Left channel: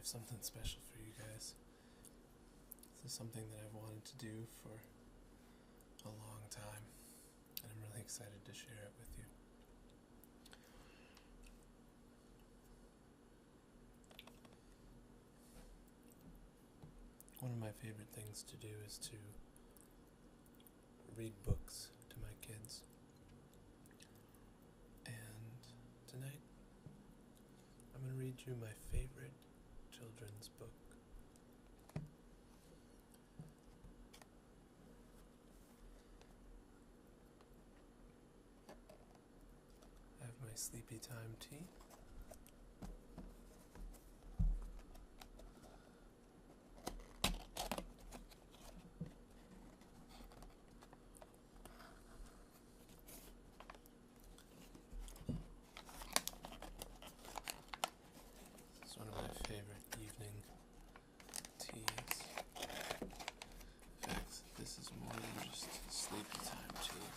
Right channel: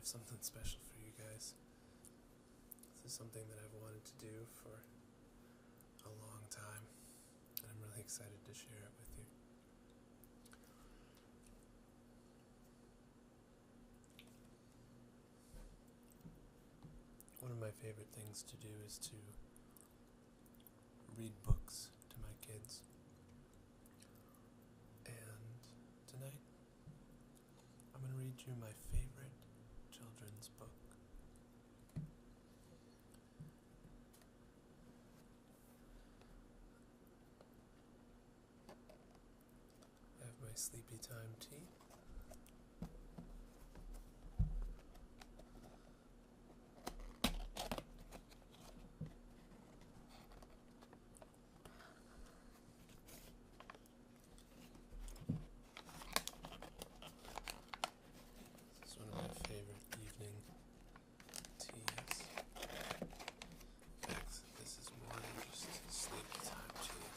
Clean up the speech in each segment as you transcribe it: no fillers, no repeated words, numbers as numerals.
have something special for you guys. This is something that I've wanted to do for a long time, and I'm really excited to share it with you. One of my favorite things to do is to read books to my kids. And tonight, I'm going to read you my favorite children's book. I have my sleepy time tea. It's one of my favorite evening teas. In fact, this is more than just sleepy time tea.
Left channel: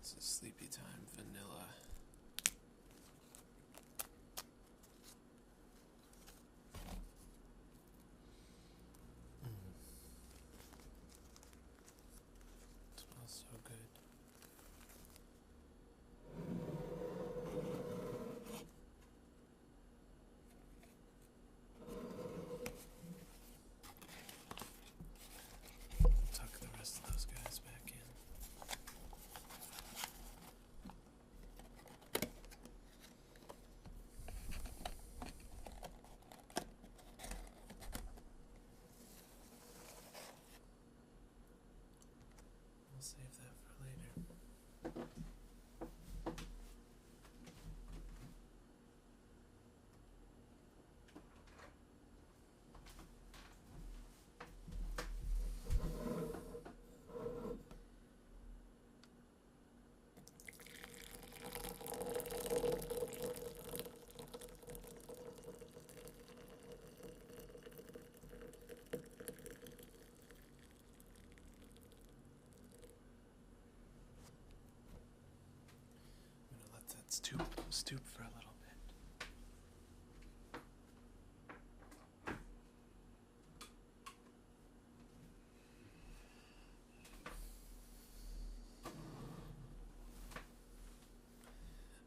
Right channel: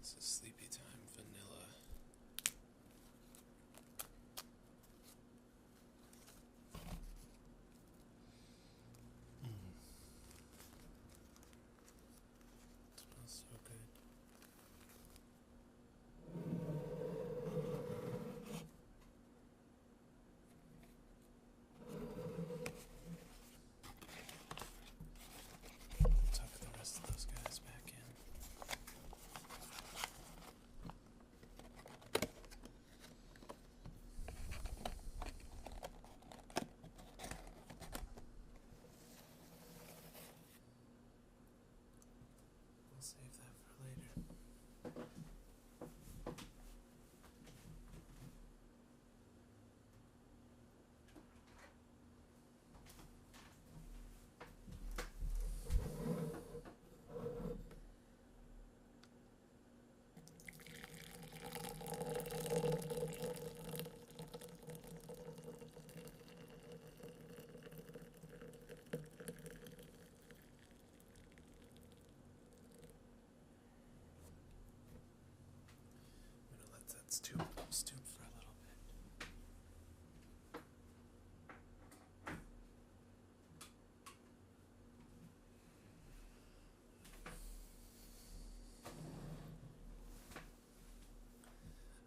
This is sleepy time vanilla. It smells so good. Tuck the rest of those guys back in. We'll save that for later. I'm gonna let that stoop for a little bit.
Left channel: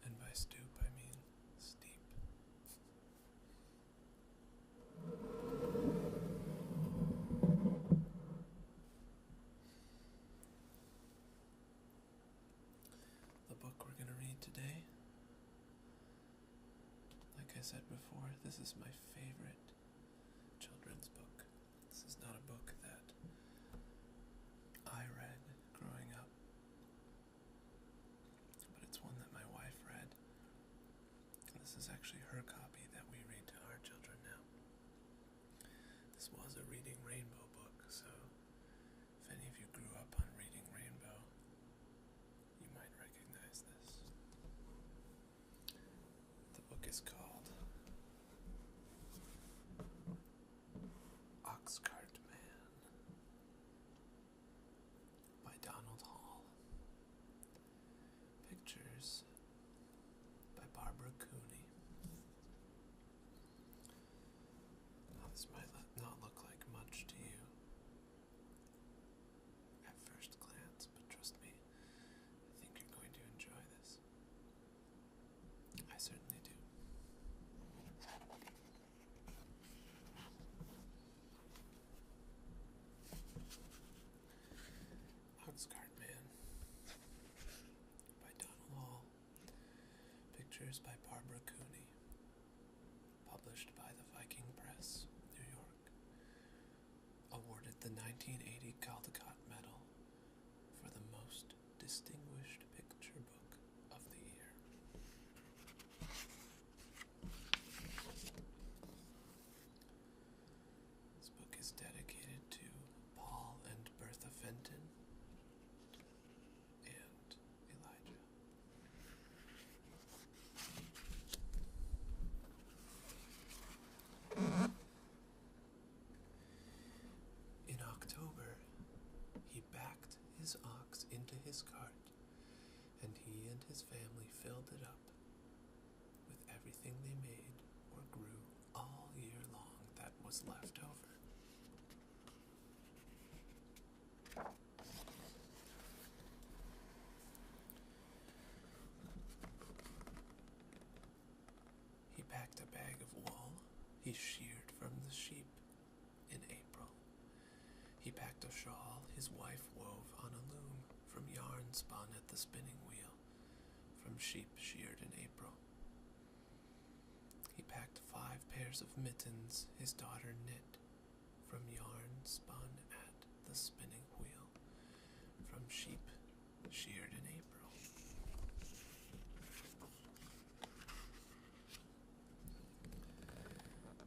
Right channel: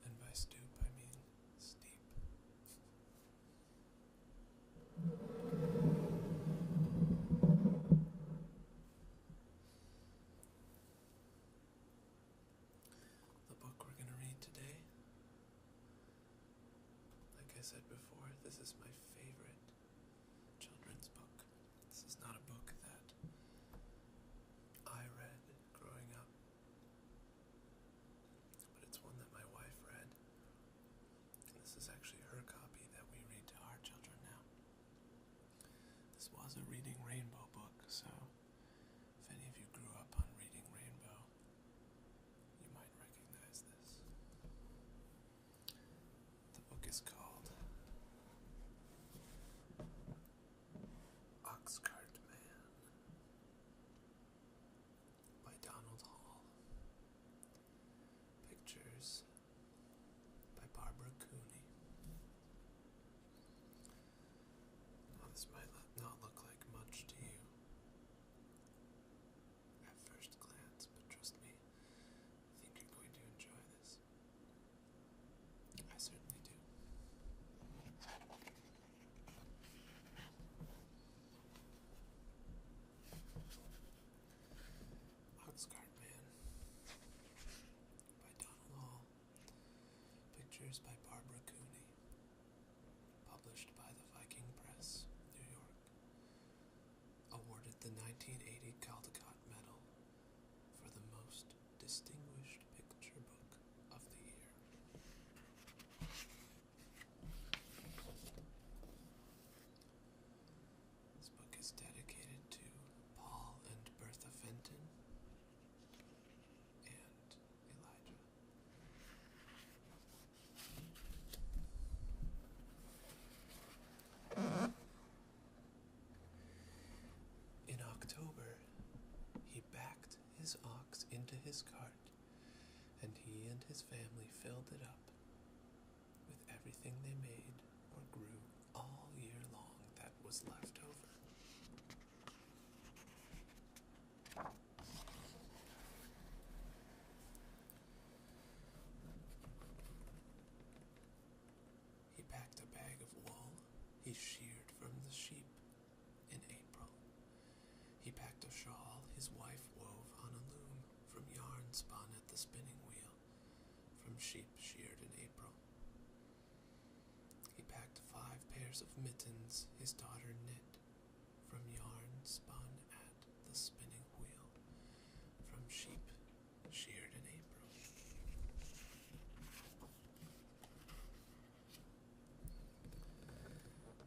And by stoop, I mean steep. The book we're going to read today, like I said before, this is my favorite children's book. This is not a book that I read growing up, but it's one that my wife read. And this is actually her copy that we read to our children now. This was a Reading Rainbow book, so if any of you grew up on Reading Rainbow, you might recognize this. The book is called Oxcart Man by Donald Hall. Pictures by Barbara Cooney. Now this might not look like much to you at first glance, but trust me, I think you're going to enjoy this. I certainly do. Oxcart Man by Donald Hall. Pictures by Barbara Cooney. Published by the Viking Press, New York. Awarded the 1980 Caldecott Medal for the most distinguished picture book of the year. This book is dedicated to Paul and Bertha Fenton and Elijah. In October, he backed his ox into his cart, and he and his family filled it up with everything they made or grew all year long that was left over. He packed a bag of wool he sheared from the sheep in April. He packed a shawl his wife wove on a loom from yarn spun at the spinning wheel from sheep sheared in April. He packed 5 pairs of mittens his daughter knit from yarn spun at the spinning wheel from sheep sheared in April.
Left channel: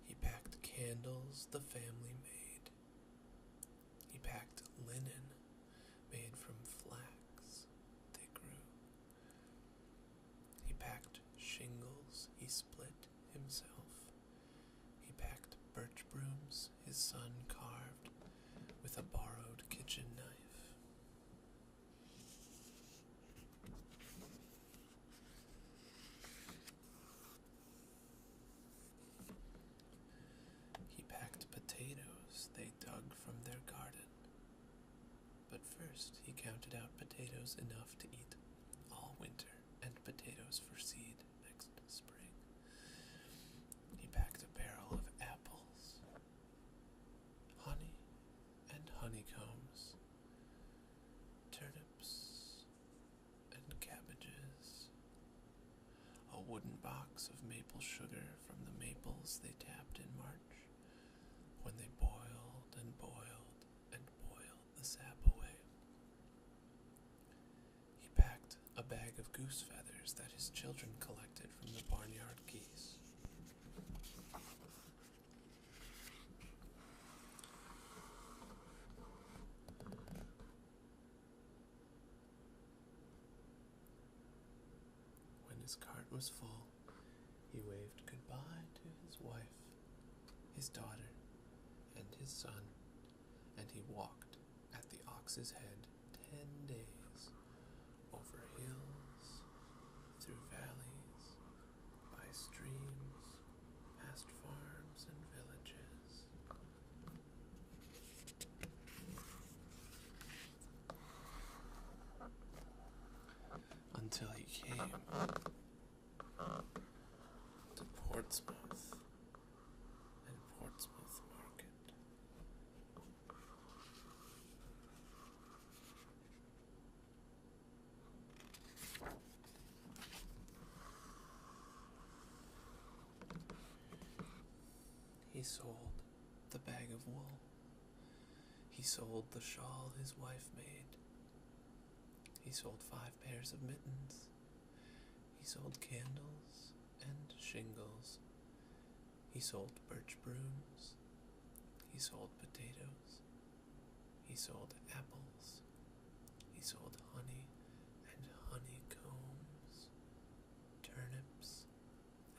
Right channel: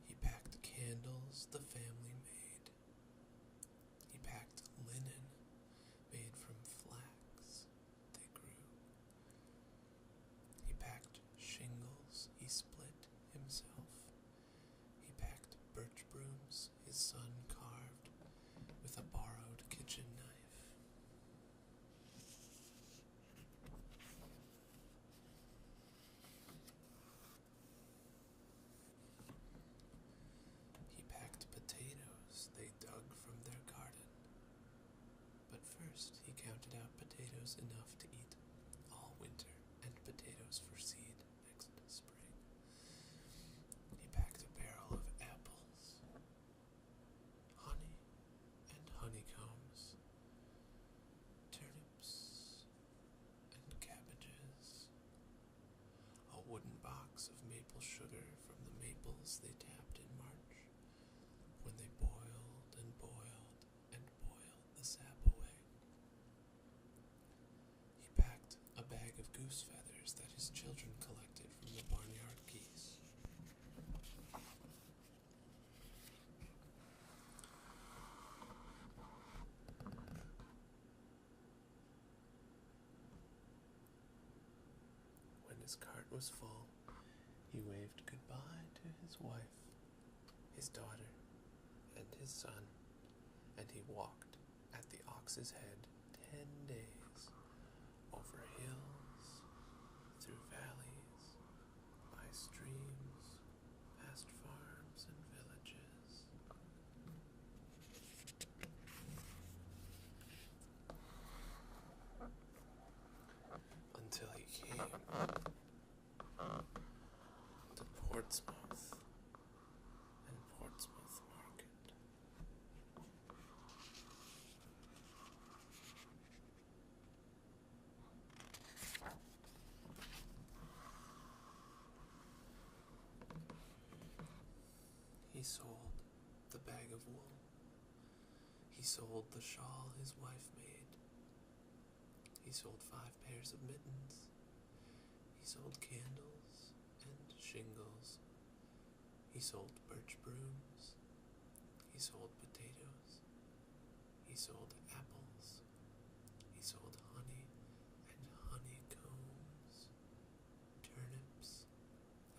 He packed candles the family made. He packed linen made from flax they grew. He packed shingles he split himself. He packed birch brooms his son carved with a borrowed kitchen knife. He packed potatoes they dug from their garden. But first he counted out potatoes enough to eat all winter and potatoes for seed next spring. He packed a barrel of apples, honey and honeycombs, turnips and cabbages, a wooden box of maple sugar from the maples they tapped in March when they boiled and boiled and boiled the sap away. He packed a bag of goose feathers that his children collected from the barnyard geese. When his cart was full, he waved goodbye to his wife, his daughter, and his son, and he walked at the ox's head 10 days, over hills, through valleys, by streams, past farms and villages. Until he came to Portsmouth and Portsmouth Market. He sold the bag of wool. He sold the shawl his wife made. He sold 5 pairs of mittens. He sold candles and shingles. He sold birch brooms. He sold potatoes. He sold apples. He sold honey and honeycombs, turnips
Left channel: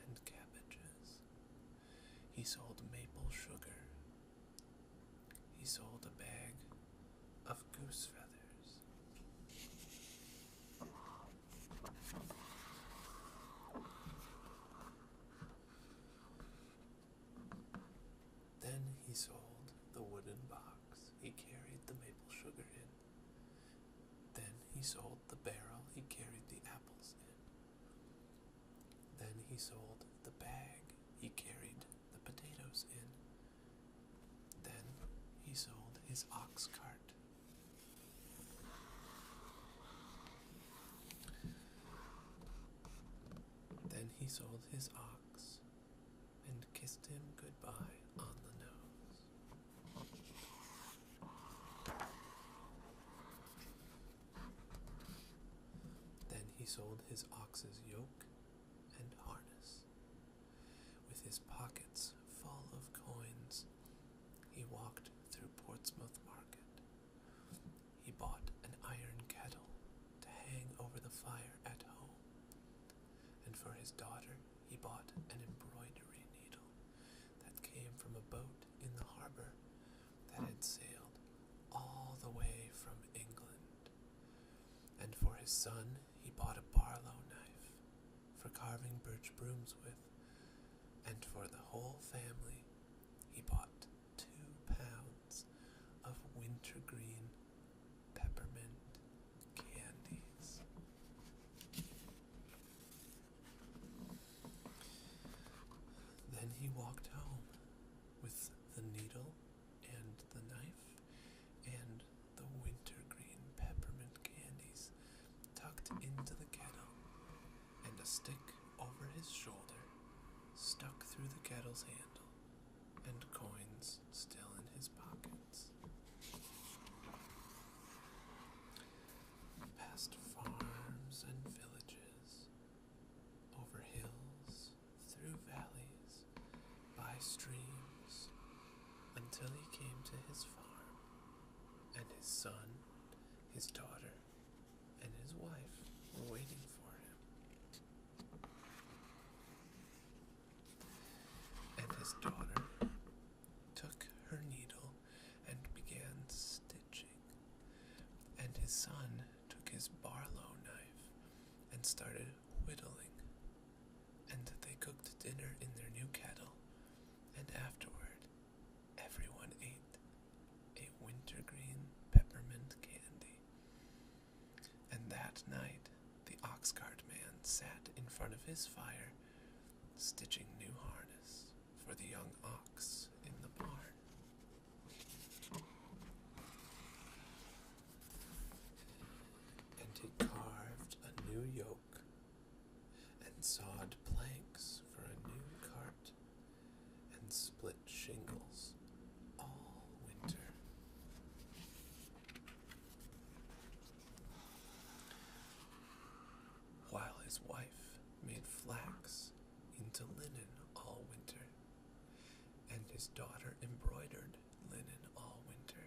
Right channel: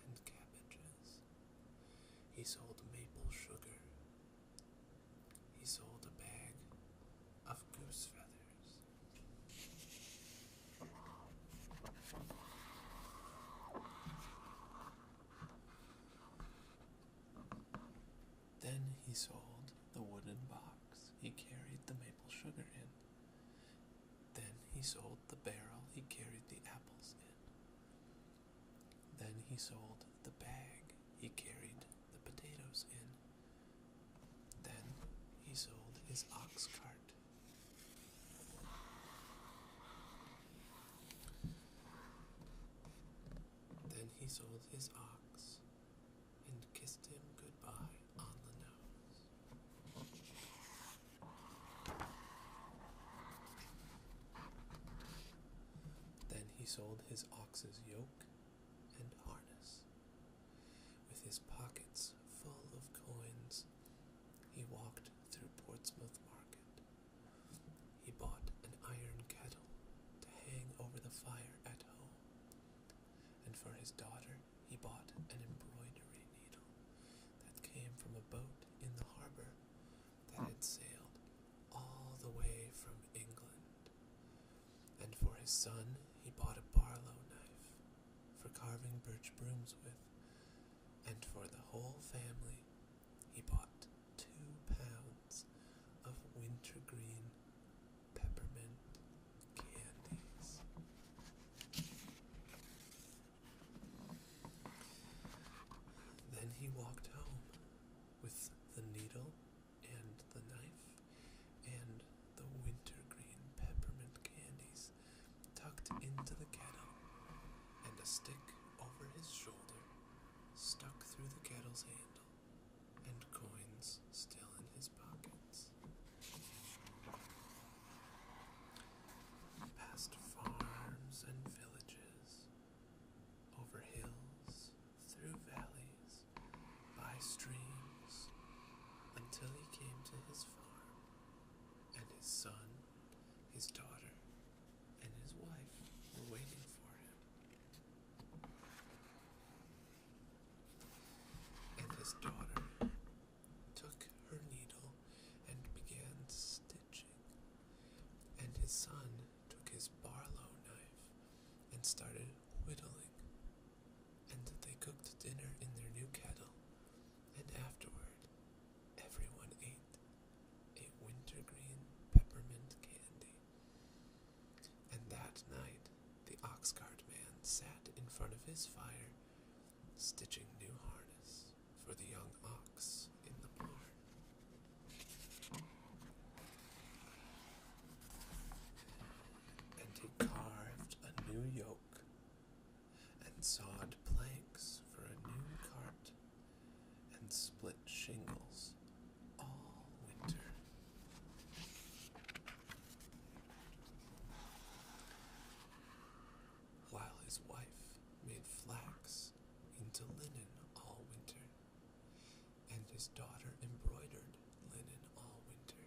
and cabbages. He sold maple sugar. He sold a bag of goose feathers. Then he sold the wooden box he carried the maple sugar in. Then he sold the barrel he carried the apples in. Then he sold the bag he carried the potatoes in. Then he sold his ox cart. Then he sold his ox and kissed him goodbye on the nose. Then he sold his ox's yoke and harness. With his pockets full of coins, he walked through Portsmouth Market. He bought an iron kettle to hang over the fire at home, and for his daughter he bought an embroidery needle that came from a boat in the harbor that had sailed all the way from England. And for his son he bought a Barlow knife for carving birch brooms with, and for the whole family he bought 2 pounds of wintergreen peppermint candies. Then he walked home with the needle and the knife and the wintergreen peppermint candies tucked into the kettle, and a stick over his shoulder stuck through the kettle's handle, and coins still in his pockets. Past farms and villages, over hills, through valleys, by streams, until he came to his farm, and his son, his daughter, and his wife were waiting for him. And his daughter took her needle and began stitching, and his son took his barlow knife and started whittling, and they cooked dinner in their new kettle, and afterward everyone ate a wintergreen peppermint candy. And that night the ox-cart man sat in front of his fire, stitching new harness for the young ox in the barn. And he carved a new yoke and sawed planks for a new cart and split shingles all winter. While his wife made flax into linen all winter, and his daughter embroidered linen all winter,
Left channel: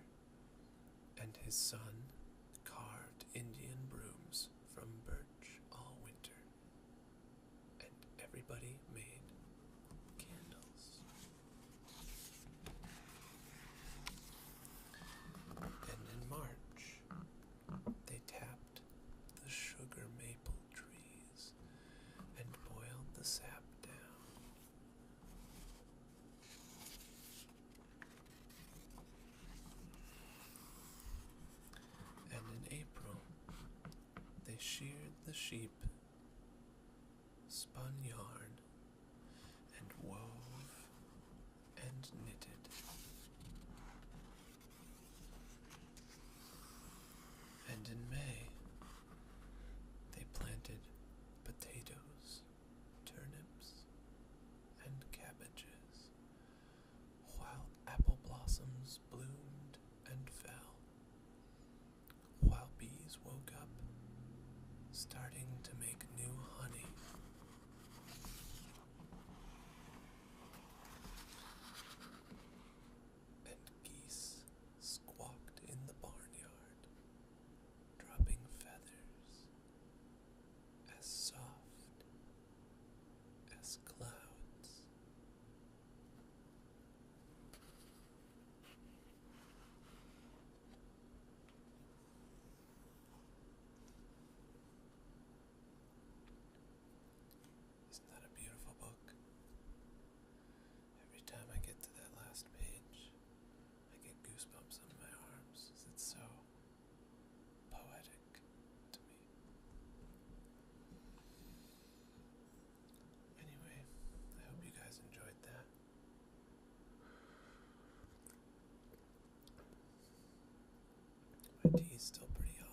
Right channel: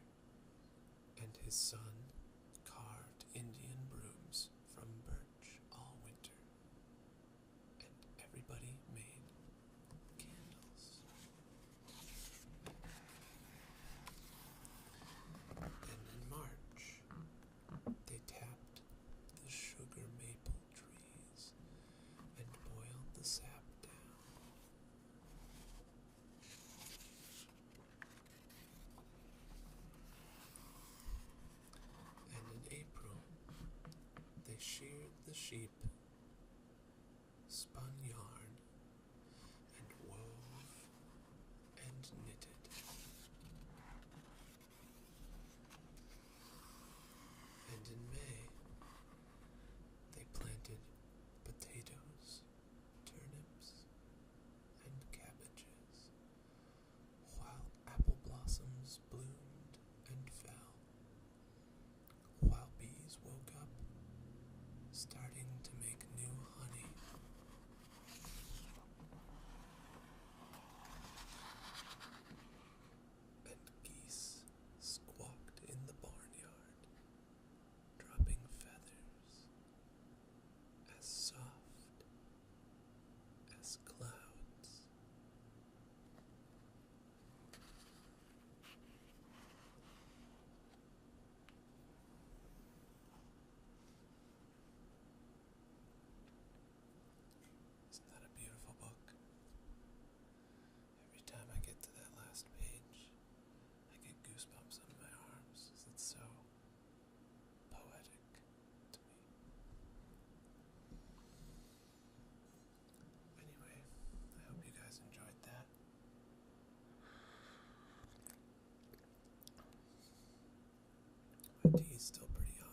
and his son carved Indian brooms from birch all winter, and everybody made candles. And in March, they tapped the sugar maple trees and boiled the sap down. And in April, they sheared the sheep, spun yarn, and wove and knitted. And in May, they planted potatoes, turnips, and cabbages, while apple blossoms bloomed and fell, while bees woke up, starting to make new honey. And geese squawked in the barnyard, dropping feathers as soft as clouds. Isn't that a beautiful book? Every time I get to that last page, I get goosebumps on my arms. It's so poetic to me. Anyway, I hope you guys enjoyed that. My tea is still pretty hot.